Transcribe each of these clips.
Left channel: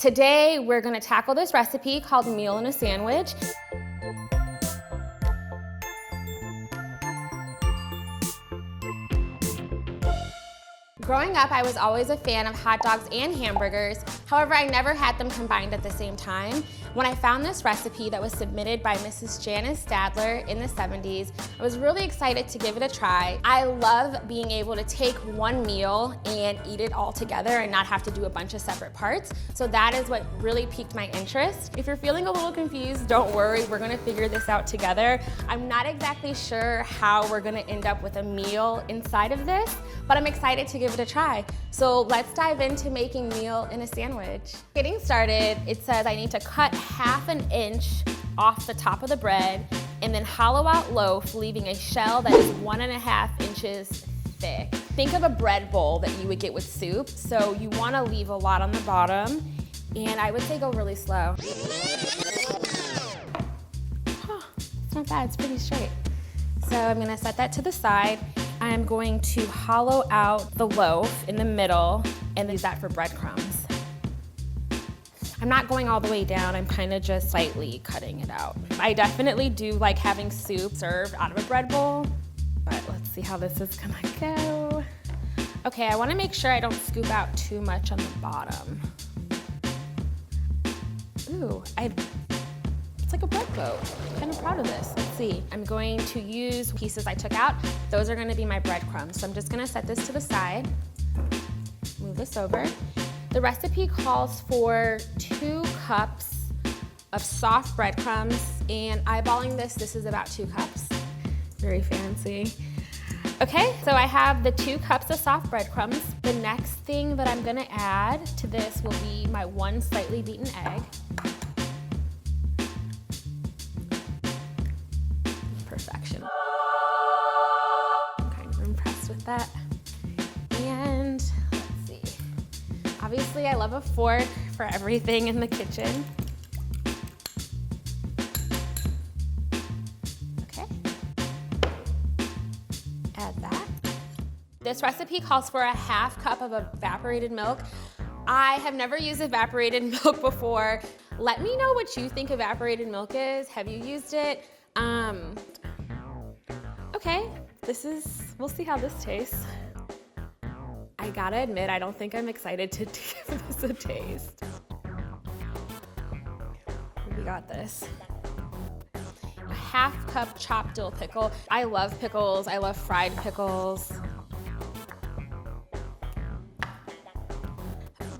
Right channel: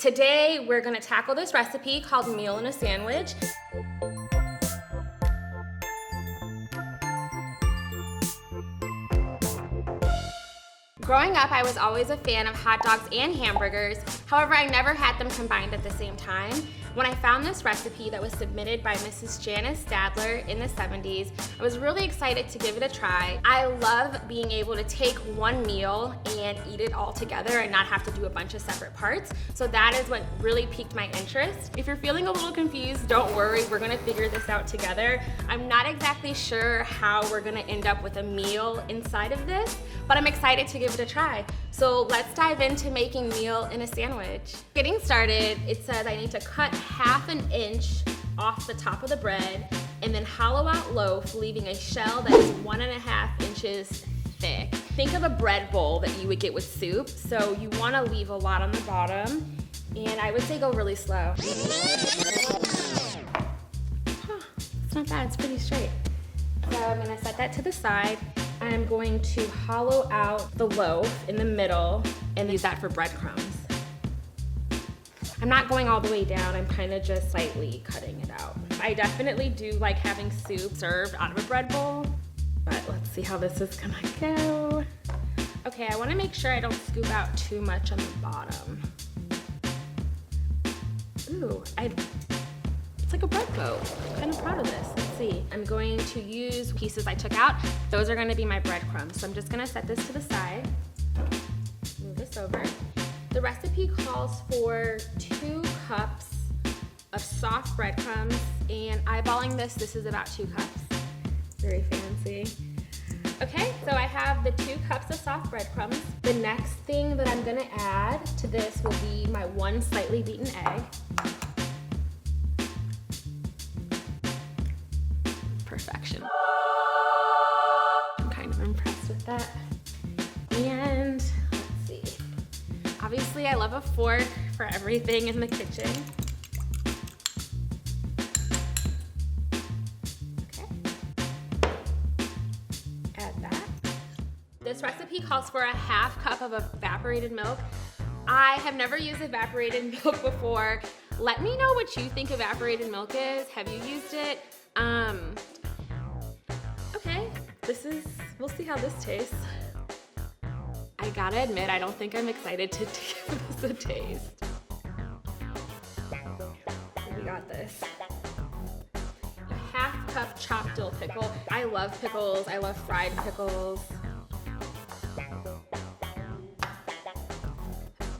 Today, we're gonna tackle this recipe called meal in a sandwich. Growing up, I was always a fan of hot dogs and hamburgers. However, I never had them combined at the same time. When I found this recipe that was submitted by Mrs. Janice Stadler in the 70s, I was really excited to give it a try. I love being able to take one meal and eat it all together and not have to do a bunch of separate parts. So that is what really piqued my interest. If you're feeling a little confused, don't worry, we're gonna figure this out together. I'm not exactly sure how we're gonna end up with a meal inside of this, but I'm excited to give it a try. So let's dive into making meal in a sandwich. Getting started, it says I need to cut ½ inch off the top of the bread and then hollow out loaf, leaving a shell that is 1½ inches thick. Think of a bread bowl that you would get with soup, so you wanna leave a lot on the bottom, and I would say go really slow. It's not bad, it's pretty straight. So I'm gonna set that to the side. I'm going to hollow out the loaf in the middle and use that for breadcrumbs. I'm not going all the way down, I'm kind of just slightly cutting it out. I definitely do like having soup served out of a bread bowl, but let's see how this is gonna go. Okay, I wanna make sure I don't scoop out too much on the bottom. Ooh, it's like a bread boat. I'm kind of proud of this. Let's see. I'm going to use pieces I took out. Those are gonna be my breadcrumbs. So I'm just gonna set this to the side. Move this over. The recipe calls for 2 cups of soft breadcrumbs, and eyeballing this is about 2 cups. Very fancy. Okay, so I have the 2 cups of soft breadcrumbs. The next thing that I'm gonna add to this will be my 1 slightly beaten egg. Perfection. I'm kind of impressed with that. And let's see. Obviously, I love a fork for everything in the kitchen. Okay. Add that. This recipe calls for a ½ cup of evaporated milk. I have never used evaporated milk before. Let me know what you think evaporated milk is. Have you used it? Okay, we'll see how this tastes. I gotta admit, I don't think I'm excited to give this a taste. We got this. A ½ cup chopped dill pickle. I love pickles, I love fried pickles,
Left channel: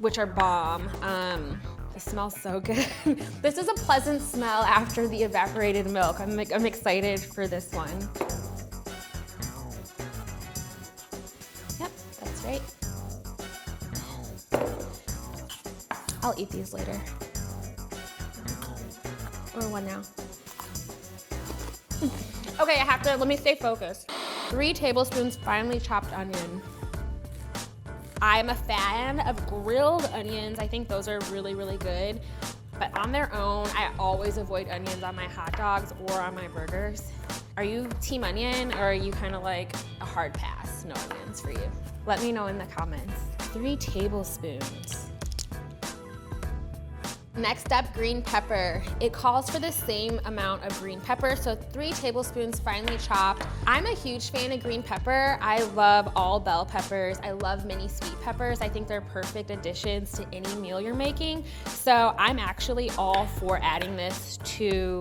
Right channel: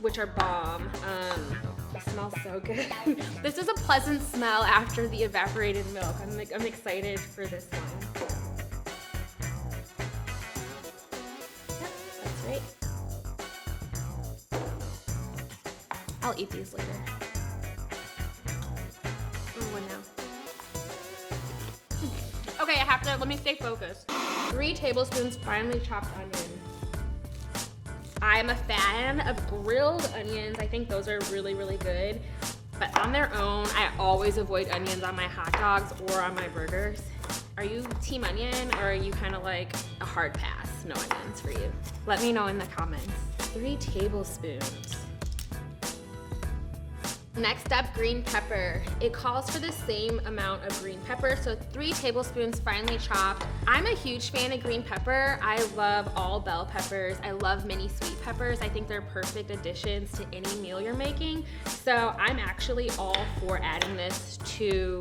which are bomb. It smells so good. This is a pleasant smell after the evaporated milk. I'm excited for this one. Yep, that's right. I'll eat these later. Or one now. Okay, let me stay focused. 3 tablespoons finely chopped onion. I'm a fan of grilled onions. I think those are really, really good. But on their own, I always avoid onions on my hot dogs or on my burgers. Are you team onion or are you kind of like a hard pass? No onions for you. Let me know in the comments. 3 tablespoons. Next up, green pepper. It calls for the same amount of green pepper, so 3 tablespoons finely chopped. I'm a huge fan of green pepper. I love all bell peppers. I love mini sweet peppers. I think they're perfect additions to any meal you're making. So I'm actually all for adding this to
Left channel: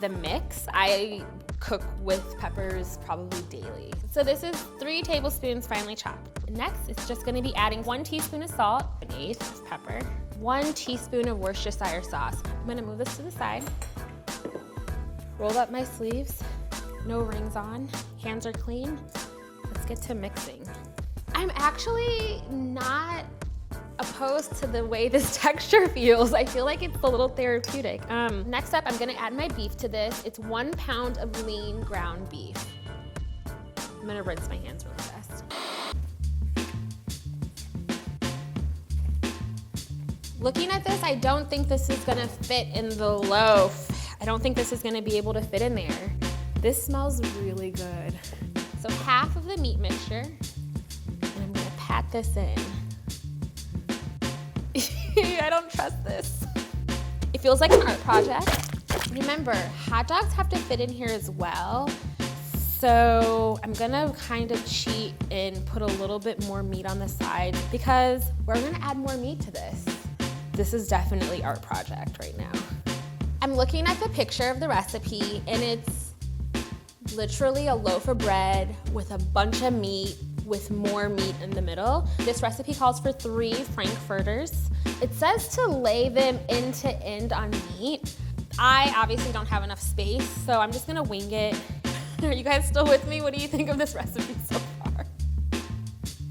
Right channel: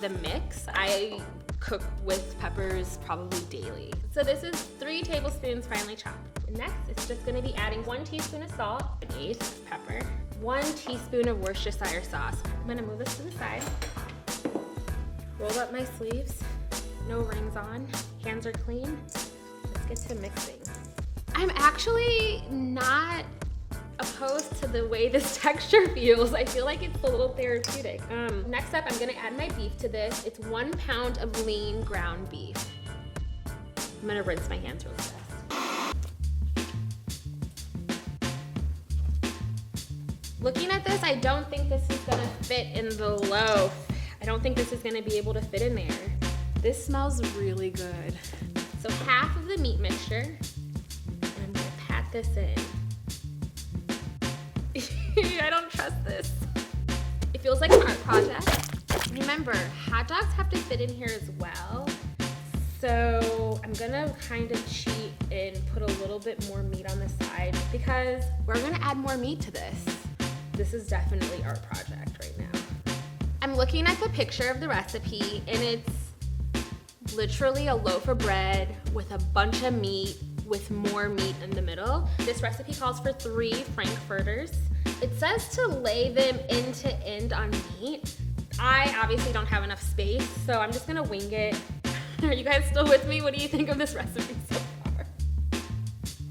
the mix. I cook with peppers probably daily. So this is 3 tablespoons finely chopped. Next, it's just gonna be adding 1 teaspoon of salt, 1/8 of pepper, 1 teaspoon of Worcestershire sauce. I'm gonna move this to the side. Roll up my sleeves, no rings on, hands are clean. Let's get to mixing. I'm actually not opposed to the way this texture feels. I feel like it's a little therapeutic. Next up, I'm gonna add my beef to this. It's 1 pound of lean ground beef. I'm gonna rinse my hands really fast. Looking at this, I don't think this is gonna fit in the loaf. I don't think this is gonna be able to fit in there. This smells really good. So half of the meat mixture, and I'm gonna pat this in. I don't trust test this. It feels like an art project. Remember, hot dogs have to fit in here as well. So I'm gonna kind of cheat and put a little bit more meat on the side because we're gonna add more meat to this. This is definitely art project right now. I'm looking at the picture of the recipe and it's literally a loaf of bread with a bunch of meat with more meat in the middle. This recipe calls for 3 frankfurters. It says to lay them end to end on meat. I obviously don't have enough space, so I'm just gonna wing it. Are you guys still with me? What do you think of this recipe so far?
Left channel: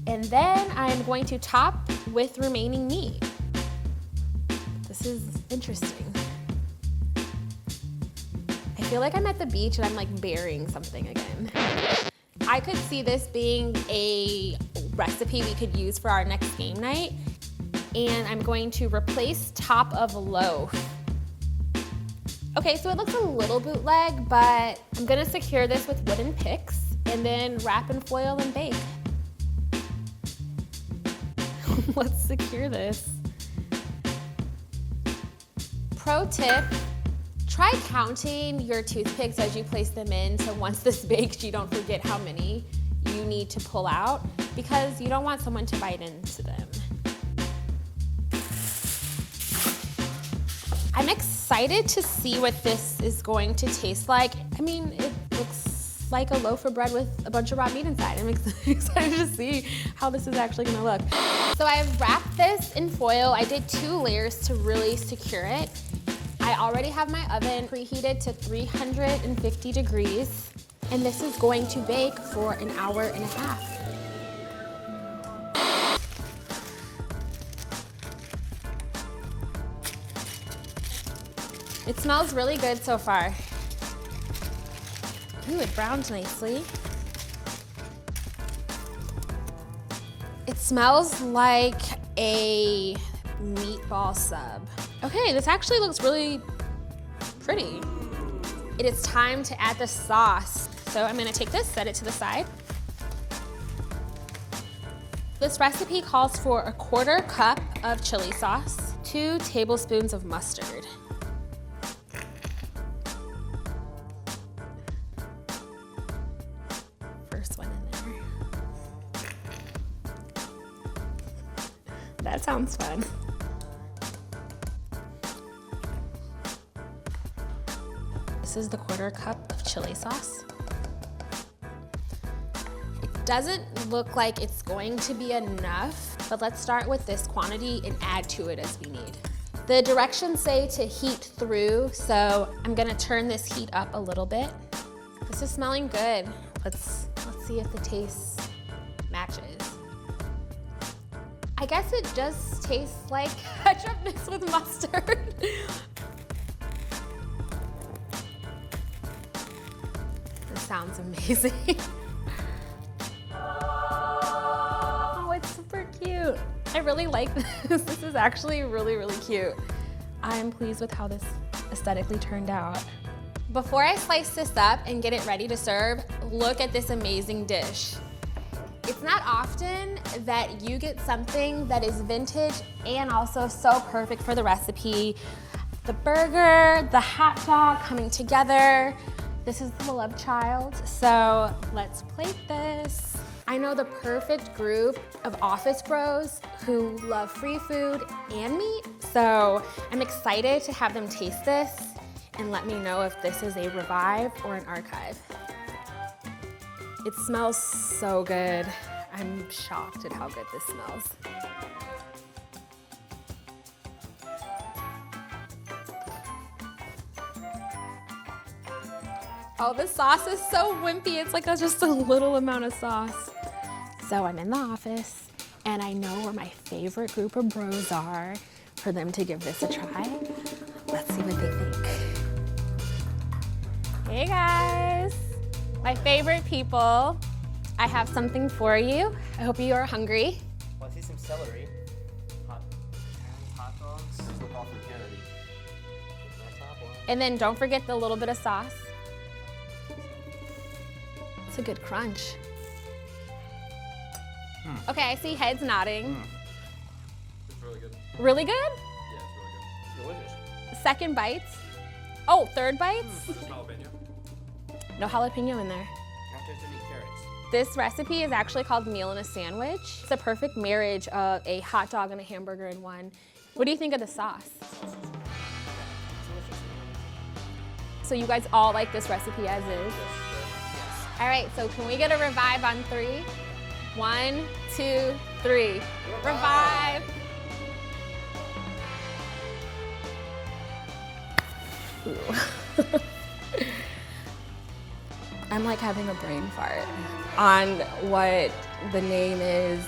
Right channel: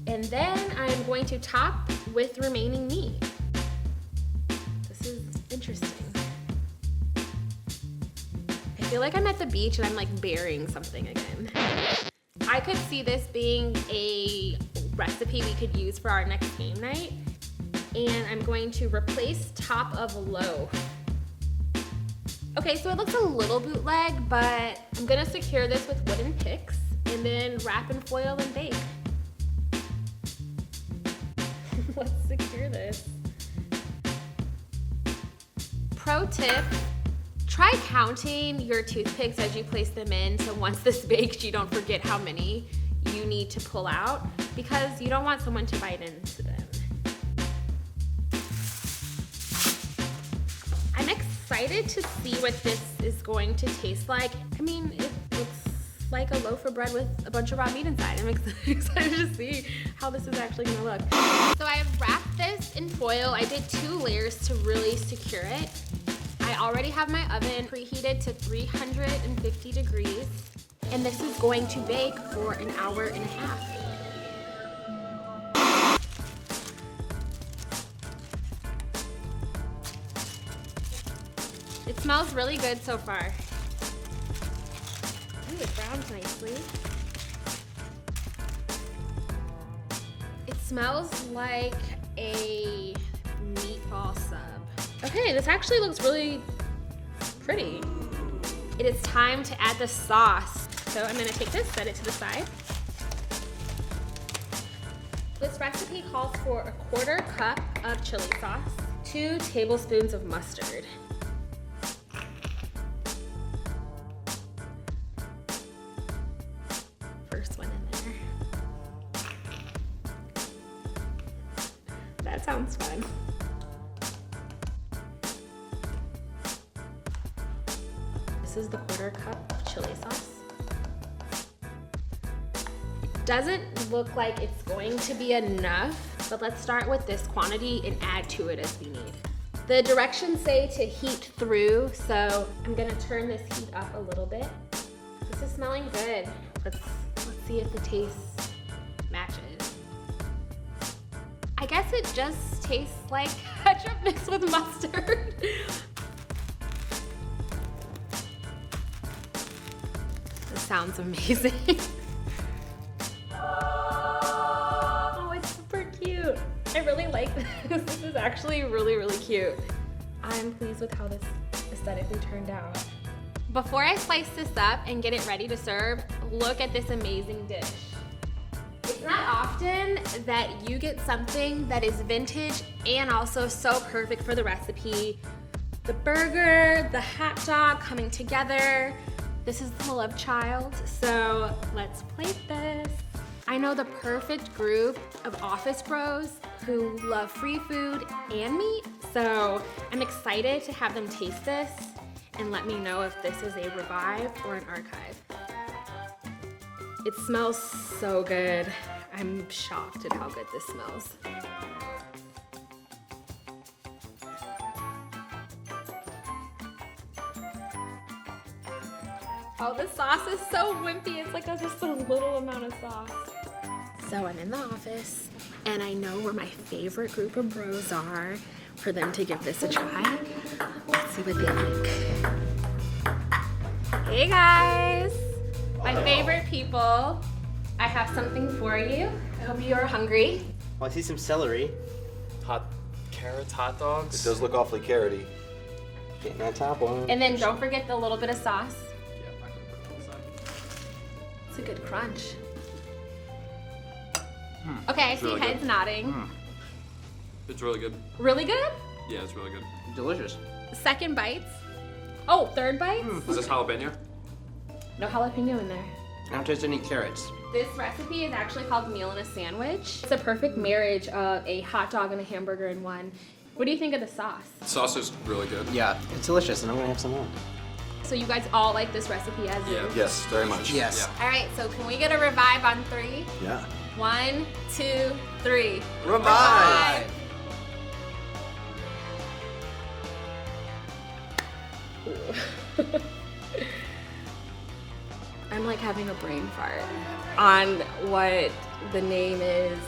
And then I'm going to top with remaining meat. This is interesting. I feel like I'm at the beach and I'm like burying something again. I could see this being a recipe we could use for our next game night. And I'm going to replace top of loaf. Okay, so it looks a little bootleg, but I'm gonna secure this with wooden picks and then wrap in foil and bake. Let's secure this. Pro tip, try counting your toothpicks as you place them in so once this bakes, you don't forget how many you need to pull out because you don't want someone to bite into them. I'm excited to see what this is going to taste like. I mean, it looks like a loaf of bread with a bunch of raw meat inside. I'm excited to see how this is actually gonna look. So I've wrapped this in foil. I did 2 layers to really secure it. I already have my oven preheated to 350 degrees, and this is going to bake for an hour and a half. It smells really good so far. Ooh, it browns nicely. It smells like a meatball sub. Okay, this actually looks really pretty. It is time to add the sauce. So I'm gonna take this, set it to the side. This recipe calls for a 1/4 cup of chili sauce, 2 tablespoons of mustard. That sounds fun. This is the 1/4 cup of chili sauce. Doesn't look like it's going to be enough, but let's start with this quantity and add to it as we need. The directions say to heat through, so I'm gonna turn this heat up a little bit. This is smelling good. Let's see if the taste matches. I guess it just tastes like ketchup mixed with mustard. That sounds amazing. Oh, it's super cute. I really like this. This is actually really, really cute. I'm pleased with how this aesthetically turned out. Before I slice this up and get it ready to serve, look at this amazing dish. It's not often that you get something that is vintage and also so perfect for the recipe. The burger, the hot dog coming together. This is the love child, so let's plate this. I know the perfect group of office bros who love free food and meat, so I'm excited to have them taste this and let me know if this is a revive or an archive. It smells so good. I'm shocked at how good this smells. Oh, the sauce is so wimpy. It's like just a little amount of sauce. So I'm in the office, and I know where my favorite group of bros are for them to give this a try. Let's see what they think. Hey guys! My favorite people. I have something for you. I hope you are hungry. Oh, I see some celery. Carrots, hot dogs. It does look awfully carroty. Getting that top one. And then don't forget the little bit of sauce. It's a good crunch. Okay, I see really heads nodding. It's really good. Really good? Yeah, it's really good. Delicious. Second bites. Oh, third bites? Was this jalapeno? No jalapeno in there. I don't taste any carrots. This recipe is actually called Meal in a Sandwich. It's a perfect marriage of a hot dog and a hamburger in one. What do you think of the sauce? The sauce is really good. Yeah, it's delicious, and I'm gonna have some more. So you guys all like this recipe as is? Yes, very much. Yes. All right, so can we get a revive on 3? Yeah. 1, 2, 3. Revive! I'm like having a brain fart on what the name is.